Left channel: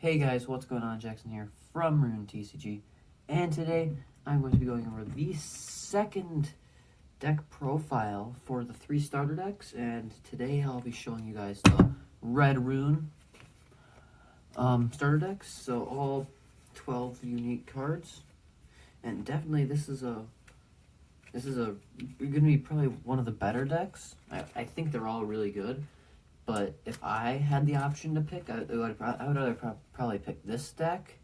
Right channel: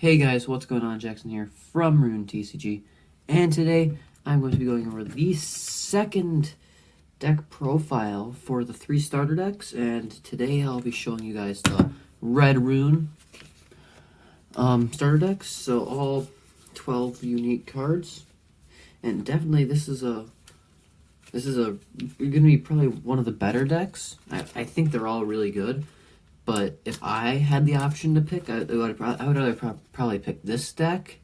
Hey guys, what's going on? Jackson here from Rune TCG, and today I'm going to be going over the second deck profile for the 3 starter decks, and today I'll be showing you guys the Red Rune starter decks, so all 12 unique cards, and definitely this is going to be probably one of the better decks. I think they're all really good. But if I had the option to pick, I would rather probably pick this deck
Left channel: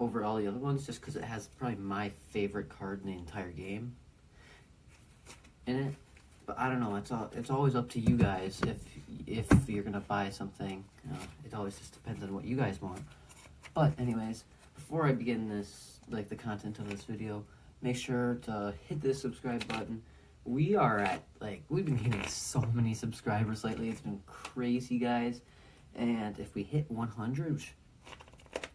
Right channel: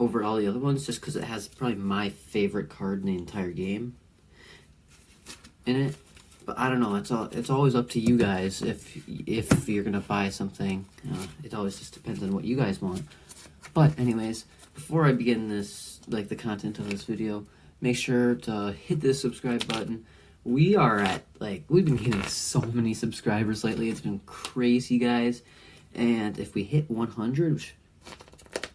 over all the other ones, just because it has probably my favorite card in the entire game in it. But I don't know. It's always up to you guys if you're gonna buy something. It always just depends on what you guys want. But anyways, before I begin the content of this video, make sure to hit the subscribe button. We are at, we've been getting so many subscribers lately. It's been crazy, guys. And if we hit 100, which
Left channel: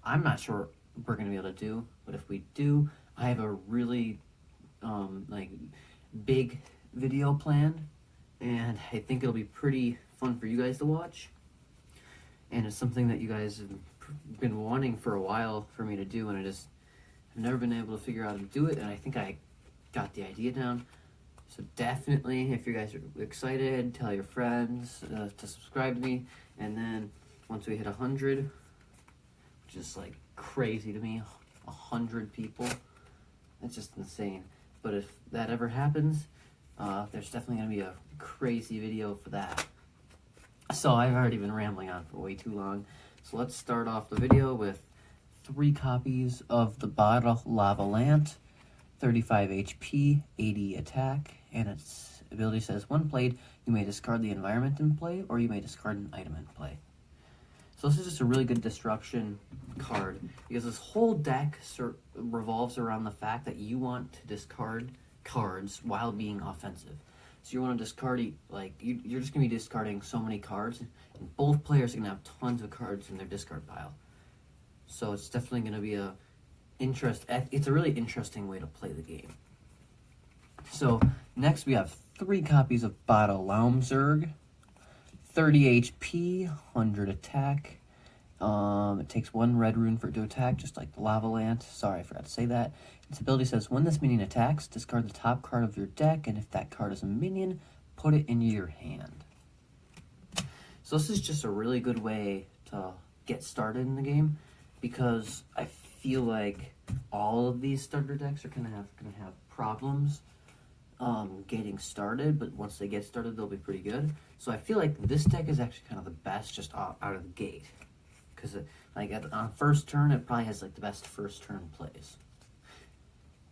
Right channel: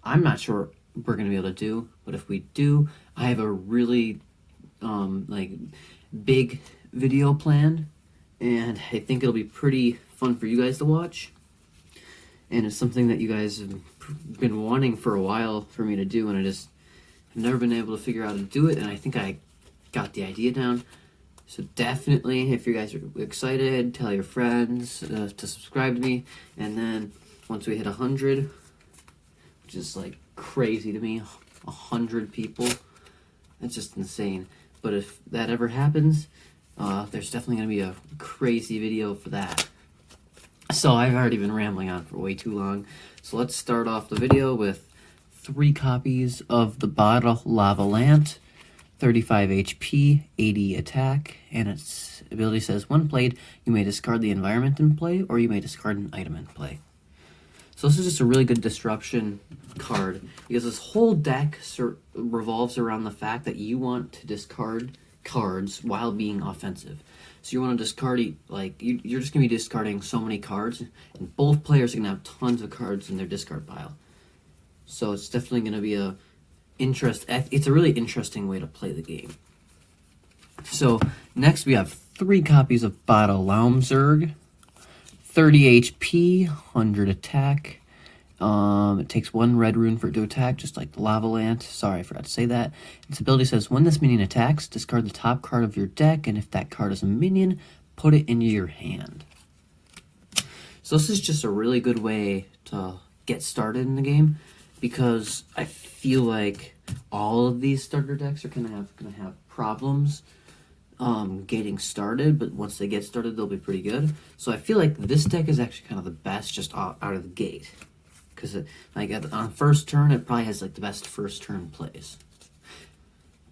I'm not sure we're going to be able to do, but if we do, I have a really, big video planned. And I think it'll be pretty fun for you guys to watch. And it's something that you guys have been wanting for a while for me to do, and I just have never been able to figure out how to do it, and I think I got the idea down. So definitely, if you guys are excited, tell your friends to subscribe to me. And then once we hit 100, which is like crazy to me, 100 people, that's just insane. But if that ever happens, there's definitely going to be a crazy video for that. So I've already been rambling on for way too long. So let's start off the video with 3 copies of the Bada Lavalant. 35 HP, 80 attack, and its ability says, when played, you may discard the environment in play, or you may discard an item in play. So this is just a really good disruption card, because this whole deck revolves around the fact that you want to discard cards while being offensive. So you want to discard, you're just going to be discarding so many cards, and both players are going to have tons of cards in their discard pile. So it's definitely going to be it's a really interesting way to play the game. So next we have 3 copies of Bada Laumzerg, 30 HP, 100 attack. It takes 1 red rune for it to attack, just like the Lavalant. Sorry, I forgot to say that. Its ability says, when this minion attacks, discard the top card of your deck, and if that card is a minion, put it into your hand. So this is just a really good way to get started in the game, because I feel like all of these starter decks are gonna have problems getting started, but once they get started, they'll be pretty good. So I feel like this deck is actually kind of the best just out of the gate, because on first turn, it probably has the best first turn plays,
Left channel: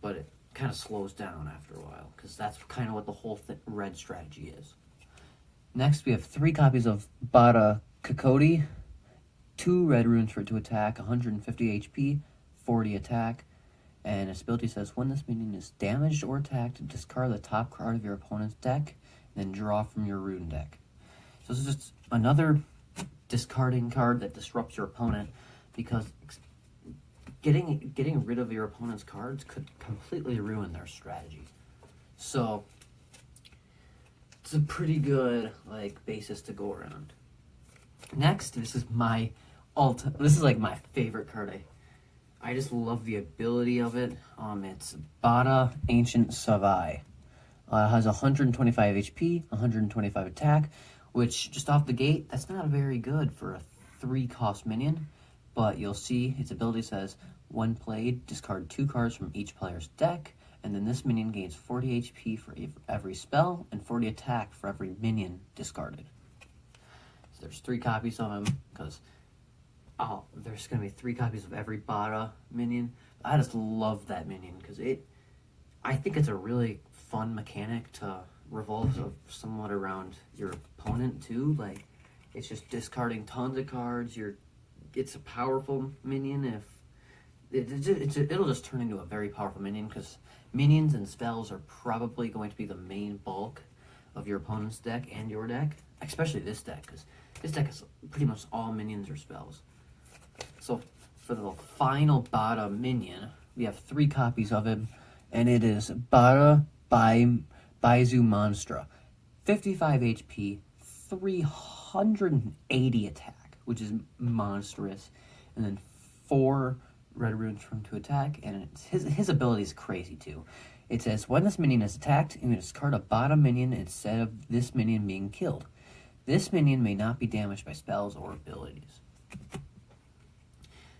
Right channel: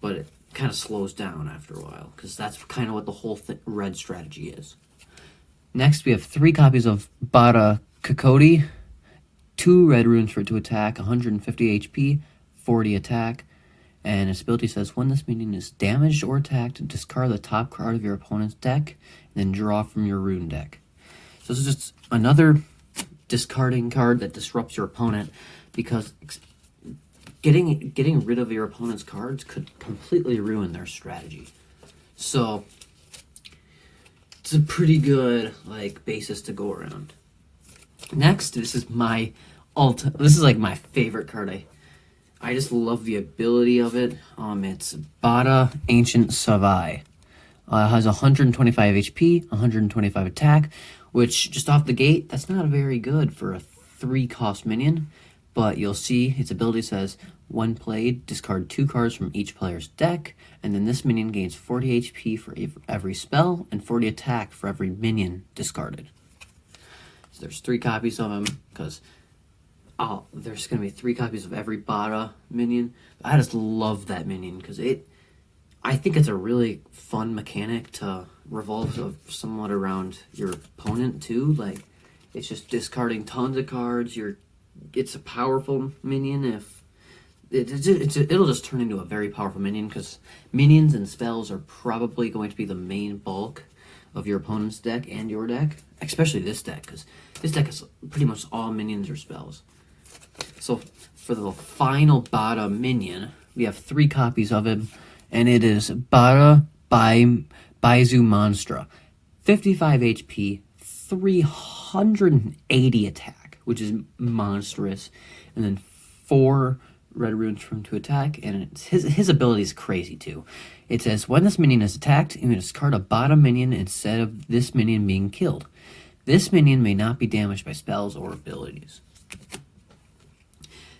but it kind of slows down after a while, because that's kind of what the whole red strategy is. Next, we have 3 copies of Bada Kokodi. 2 red runes for it to attack, 150 HP, 40 attack, and its ability says, when this minion is damaged or attacked, discard the top card of your opponent's deck, and then draw from your rune deck. So this is just another discarding card that disrupts your opponent, because getting rid of your opponent's cards could completely ruin their strategy. So it's a pretty good basis to go around. Next, this is my favorite card. I just love the ability of it. It's Bada Ancient Savai. It has 125 HP, 125 attack, which just off the gate, that's not very good for a 3-cost minion. But you'll see its ability says, when played, discard 2 cards from each player's deck, and then this minion gains 40 HP for every spell and 40 attack for every minion discarded. So there's 3 copies of him, because there's going to be 3 copies of every Bada minion. I just love that minion, because I think it's a really fun mechanic to revolve somewhat around your opponent too. It's just discarding tons of cards. It's a powerful minion. It'll just turn into a very powerful minion, because minions and spells are probably going to be the main bulk of your opponent's deck and your deck, especially this deck, because this deck is pretty much all minions or spells. So for the final Bada minion, we have 3 copies of it, and it is Bada Baizu Monstra. 55 HP, 380 attack, which is monstrous, and then 4 red runes for him to attack, and it's, his ability is crazy too. It says, when this minion is attacked, you may discard a bottom minion instead of this minion being killed. This minion may not be damaged by spells or abilities.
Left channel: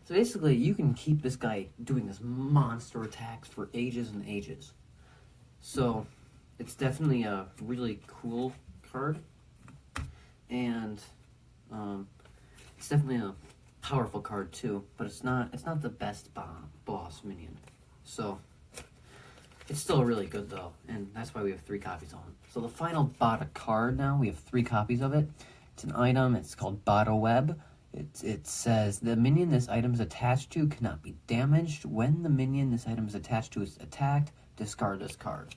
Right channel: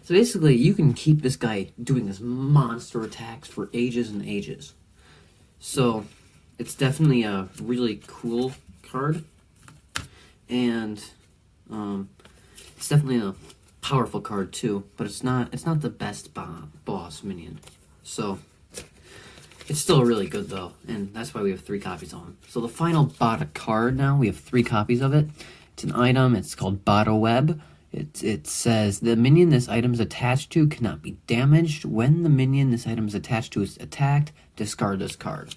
So basically, you can keep this guy doing this monster attacks for ages and ages. So, it's definitely a really cool card. And, it's definitely a powerful card too, but it's not the best boss minion. So, it's still really good though, and that's why we have 3 copies on him. So the final Bada card now, we have 3 copies of it. It's an item, it's called Bada Web. It says, the minion this item is attached to cannot be damaged. When the minion this item is attached to is attacked, discard this card.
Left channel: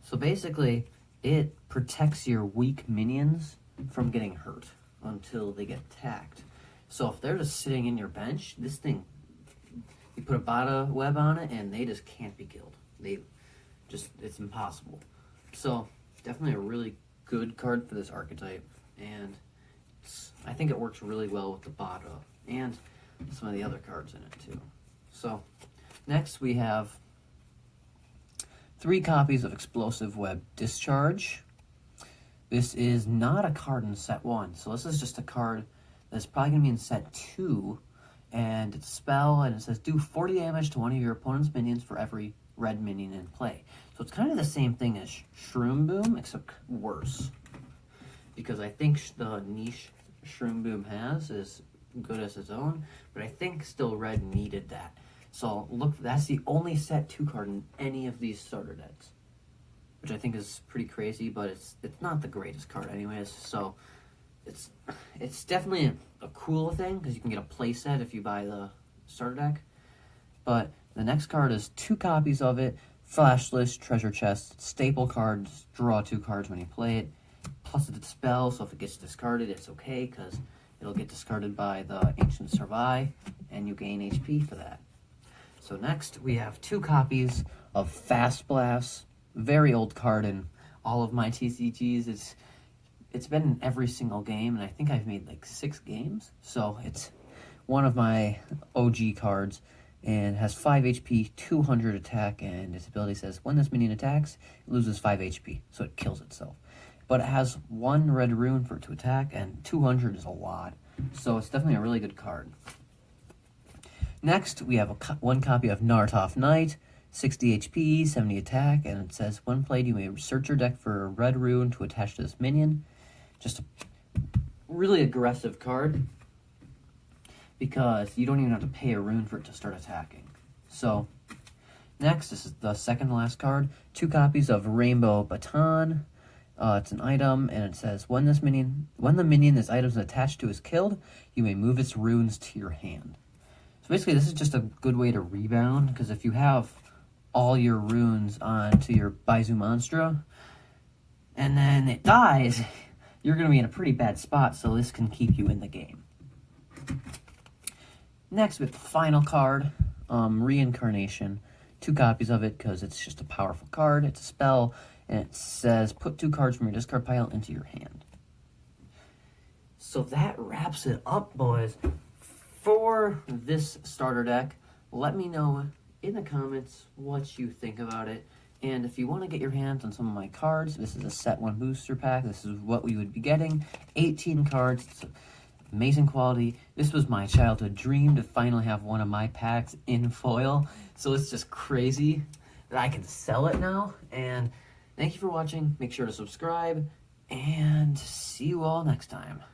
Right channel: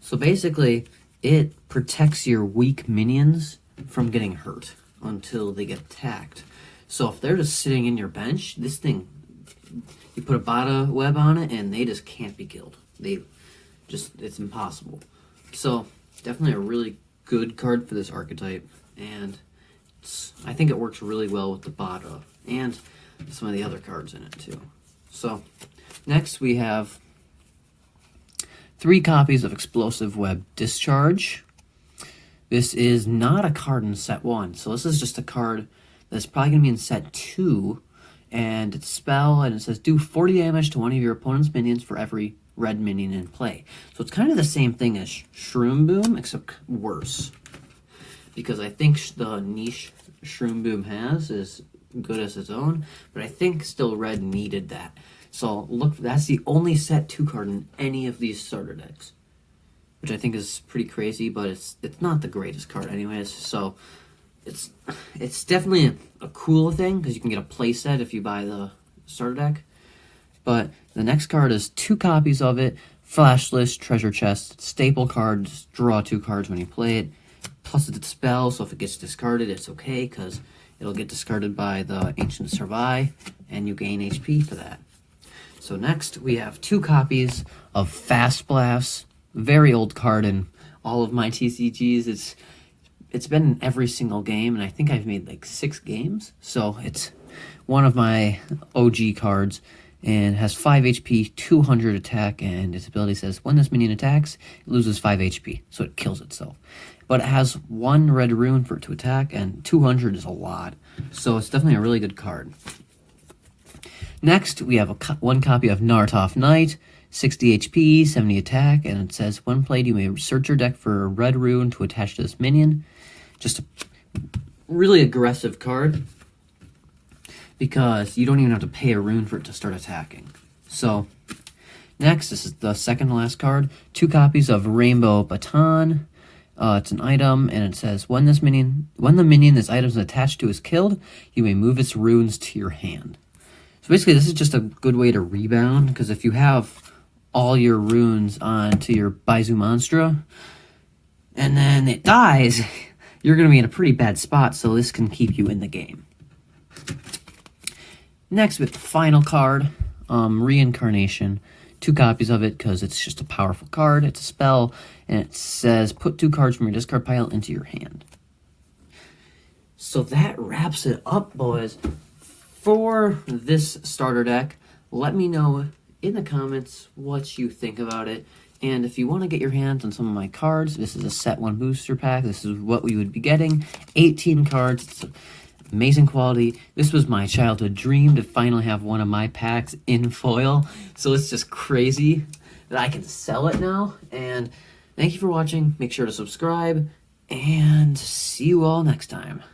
So basically, it protects your weak minions from getting hurt until they get attacked. So if they're just sitting in your bench, this thing, you put a Bada Web on it and they just can't be killed. It's impossible. So definitely a really good card for this archetype, and I think it works really well with the Bada and some of the other cards in it too. So next we have 3 copies of Explosive Web Discharge. This is not a card in set 1, so this is just a card that's probably going to be in set 2, and it's a spell, and it says do 40 damage to one of your opponent's minions for every red minion in play. So it's kind of the same thing as Shroom Boom, except worse. Because I think the niche Shroom Boom has is good as its own, but I think still red needed that. So look, that's the only set 2 card in any of these starter decks, which I think is pretty crazy, but it's not the greatest card anyways. So it's definitely a cool thing because you can get a play set if you buy the starter deck. But the next card is 2 copies of it, Flash List, Treasure Chest, staple cards, draw 2 cards when you play it. Plus it's a spell, so if it gets discarded, it's okay, because it'll get discarded by the Ancient Survive, and you gain HP for that. So next, we have 2 copies of Fast Blast, very old card in all of my TCGs. It's been in every single game, and I think I've made like 6 games, so it's one of my OG cards, and has 5 HP, 200 attack, and its ability says, when this minion attacks, it loses 5 HP, so it kills itself. But it has 1 red rune for it to attack, and 200 is a lot, so it's definitely a really good card. Next, we have 1 copy of Nartoth Knight, 60 HP, 70 attack, and it says, when played, you may search your deck for a red rune to attach to this minion. Just a really aggressive card, because you don't even have to pay a rune for it to start attacking. So, next, this is the second to last card. 2 copies of Rainbow Baton. It's an item, and it says, when the minion this item is attached to is killed, you may move its runes to your hand. So basically, this is just a good way to rebound, because if you have all your runes onto your Baizu Monstra, and then it dies, you're going to be in a pretty bad spot, so this can keep you in the game. Next, we have the final card, Reincarnation. 2 copies of it, because it's just a powerful card. It's a spell, and it says, put 2 cards from your discard pile into your hand. So that wraps it up, boys, for this starter deck. Let me know in the comments what you think about it. And if you want to get your hands on some of my cards, this is a set 1 booster pack. This is what we would be getting. 18 cards. It's amazing quality. This was my childhood dream to finally have one of my packs in foil. So it's just crazy that I can sell it now. And thank you for watching. Make sure to subscribe. And see you all next time.